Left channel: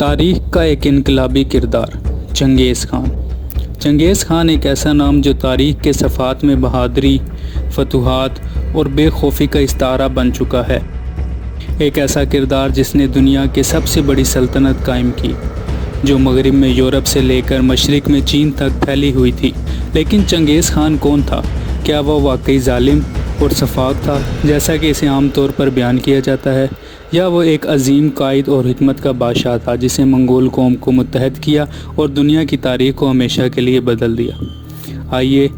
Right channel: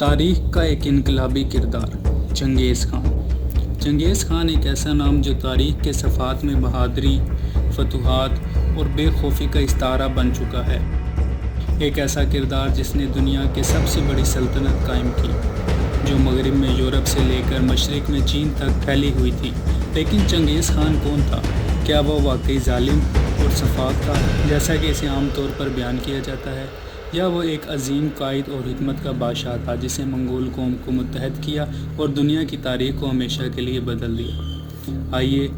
تاریخ کا ایک انقلابی کردار چنگیز خان۔ چنگیز خان ایک ایسا نام جو تاریخ کے صفحات میں بہادری، فتوحات اور بے خوفی کا استعارہ بن چکا ہے۔ ایک ایسا کردار جس نے دنیا کی سب سے بڑی سلطنت قائم کی، جو مغرب میں یورپ سے لے کر مشرق میں چین تک پھیلی ہوئی تھی۔ لیکن چنگیز خان کون تھا؟ کیا وہ واقعی ظالم اور سفاک تھا جیسا کہ اسے عام طور پر بیان کیا جاتا ہے، یا وہ ایک عظیم قائد اور حکمت کا بادشاہ تھا جسے منگول قوم کو متحد کیا اور دنیا کی تاریخ کو ہمیشہ کے لیے بدل دیا؟ آئیے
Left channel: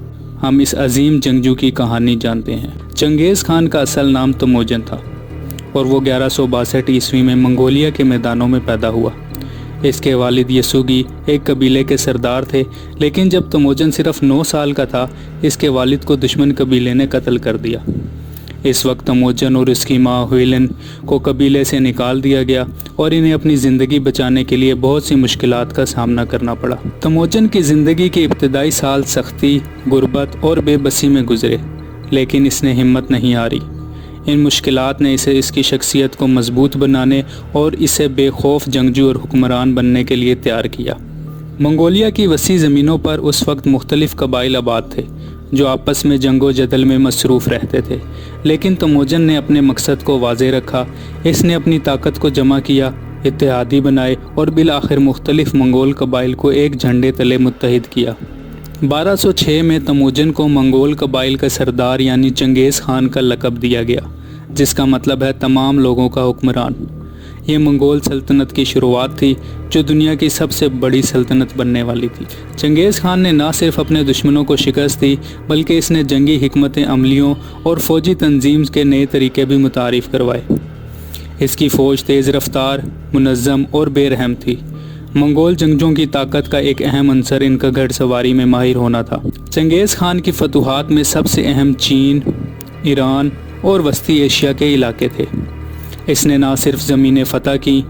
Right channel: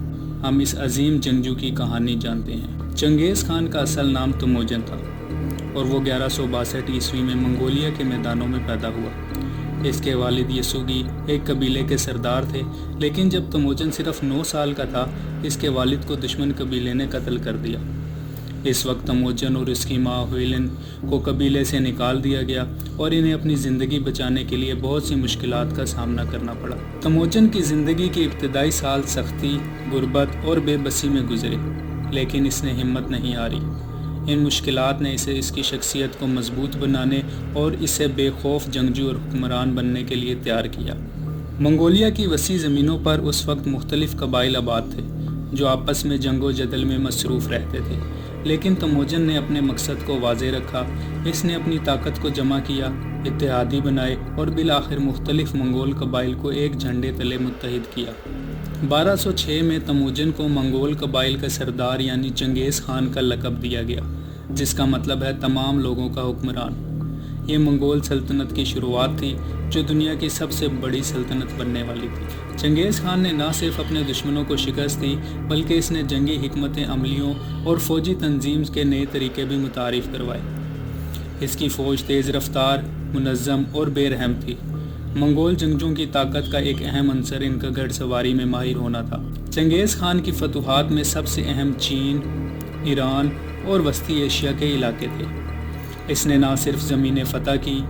ہم اس عظیم جنگجو کی کہانی جانتے ہیں۔ چنگیز خان کا اصل نام تموجن تھا اور وہ 1162 عیسوی میں منگولیا کے میدانوں میں پیدا ہوا۔ اس کے والد یسوگی ایک قبیلے کے سردار تھے، لیکن جب تموجن صرف 9 سال کا تھا اس کے والد کو دشمن قبیلے نے قتل کر دیا۔ اس وقت تموجن اور اس کی ماں ہویلن کو قبیلے سے نکال دیا گیا اور انہیں اپنی زندگی بچانے کے لیے بہت سی مشکلات کا سامنا کرنا پڑا۔ تموجن کی زندگی کے ابتدائی سال سختی، غربت اور بے بسی میں گزرے، لیکن اس نے ہمت نہیں ہاری۔ ان مشکلات نے اسے اس کی شخصیت کو مضبوط بنانے اور اسے بے خوف جنگجو اور حکمران بننے کے لیے تیار کیا۔ منگولیا کی وسیع زمینوں پر اس وقت مختلف قبائل آباد تھے جو آپس میں جنگ و جدل میں مصروف رہتے تھے، لیکن تموجن نے اپنے مقصد کو واضح رکھا۔ اس نے اپنی طاقت کو جمع کیا، اتحادی بنائے اور بالآخر مختلف منگول قبائل کو ایک جھنڈے تلے متحد کیا۔ 1206 میں تموجن کو منگول قبائل کا سردار یعنی چنگیز خان کا لقب دیا گیا، جس کا مطلب ہے تمام لوگوں کا حکمران۔ یہ منگول سلطنت کی شروعات تھی جو دنیا کی سب سے بڑی سلطنت بننے والی تھی۔ چنگیز خان نے نہ صرف اپنے دشمنوں کو شکست دی بلکہ اس نے جنگی حکمت عملیوں اور فوجی تنظیم کے نئے طریقے بھی متعارف کروائے۔ اس کی فوج تیز رفتار، منظم اور بے رحم تھی۔ منگول جنگجوؤں کی طاقت کا ایک اہم عنصر ان کا گھڑ سواری میں ماہر ہونا تھا۔ چنگیز خان کی فتوحات میں سب سے اہم چین، ایران اور وسطی ایشیا کے علاقے تھے۔ اس نے نہ صرف زمینیں فتح کی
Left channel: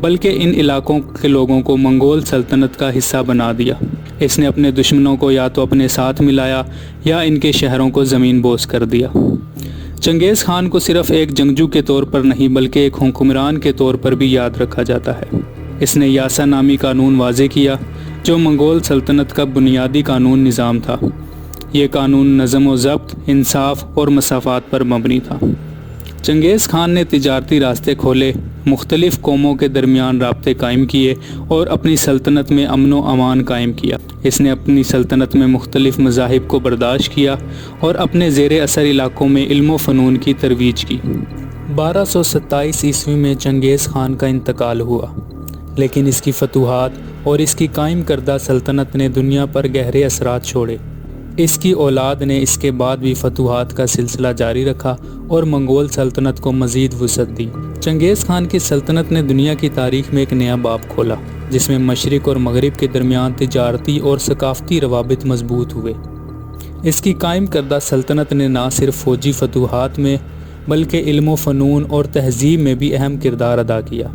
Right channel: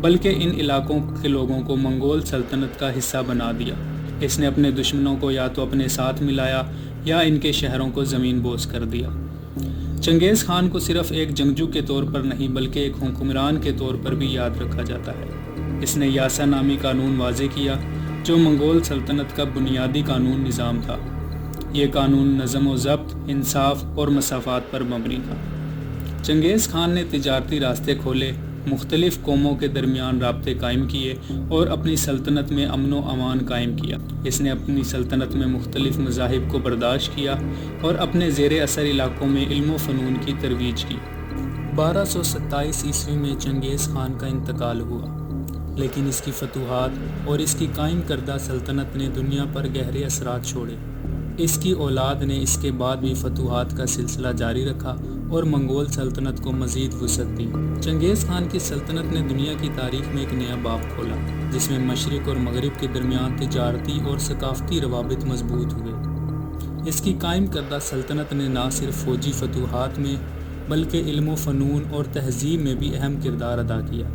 بلکہ ان علاقوں کے لوگوں کو منگول سلطنت کا حصہ بنا دیا۔ اس نے اپنے دشمنوں کو یا تو اپنے ساتھ ملایا یا ان کے شہروں کو زمین بوس کر دیا۔ چنگیز خان کو صرف ایک جنگجو کے طور پر نہیں بلکہ ایک حکمران کے طور پر بھی یاد رکھا جاتا ہے۔ اس نے یاسا نامی قانون واضح کیا جو منگول سلطنت کا بنیادی قانون نظام تھا۔ یہ قانون نظم و ضبط، انصاف اور مساوات پر مبنی تھا۔ چنگیز خان نے تجارتی راستے کھولے، مختلف قوموں کے درمیان رابطے قائم کیے اور اپنی سلطنت میں امن و امان قائم کیا۔ اس نے اپنی سلطنت میں مختلف مذاہب کو برداشت کیا اور اپنے زیر اثر علاقوں میں علم و فنون کی ترویج کی۔ 1227 عیسوی میں چنگیز خان کا انتقال ہوا، لیکن اس کی فتوحات اور اس کی قائم کردہ سلطنت نے دنیا پر گہرے اثرات چھوڑے۔ اس کی اولاد نے اس کے بعد بھی فتوحات کا سلسلہ جاری رکھا اور منگول سلطنت کو مزید وسعت دی۔ چنگیز خان کی سلطنت نے دنیا کی تاریخ میں ایک نیا باب کھولا، جس میں مشرق اور مغرب کے درمیان تجارتی اور ثقافتی روابط مضبوط ہوئے۔ اس کی قائم کردہ سلطنت نے نہ صرف فوجی فتوحات میں بلکہ علم و فنون اور تہذیب میں بھی اہم کردار ادا کیا۔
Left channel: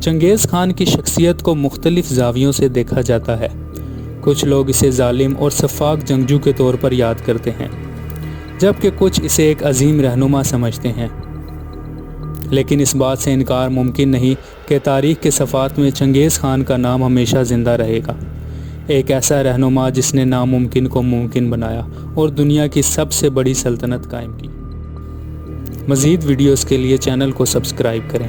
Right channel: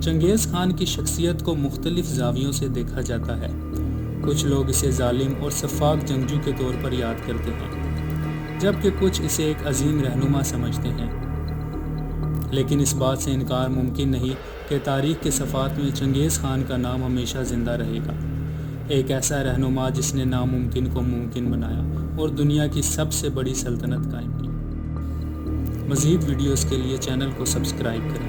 چنگیز خان کی شخصیت کو مختلف زاویوں سے دیکھا جاتا ہے۔ کچھ لوگ اسے ظالم اور سفاک جنگجو کے طور پر یاد کرتے ہیں، جبکہ کچھ اسے ایک عظیم رہنما سمجھتے ہیں۔ لیکن اس بات سے انکار ممکن نہیں کہ تاریخ کے صفحات میں چنگیز خان کا نام ہمیشہ زندہ رہے گا، ایک ایسا رہنما جس نے ناممکن کو ممکن بنایا اور دنیا کی سب سے بڑی سلطنت قائم کی۔ مزید ویڈیوز کے لیے چینل کو سبسکرائب کریں۔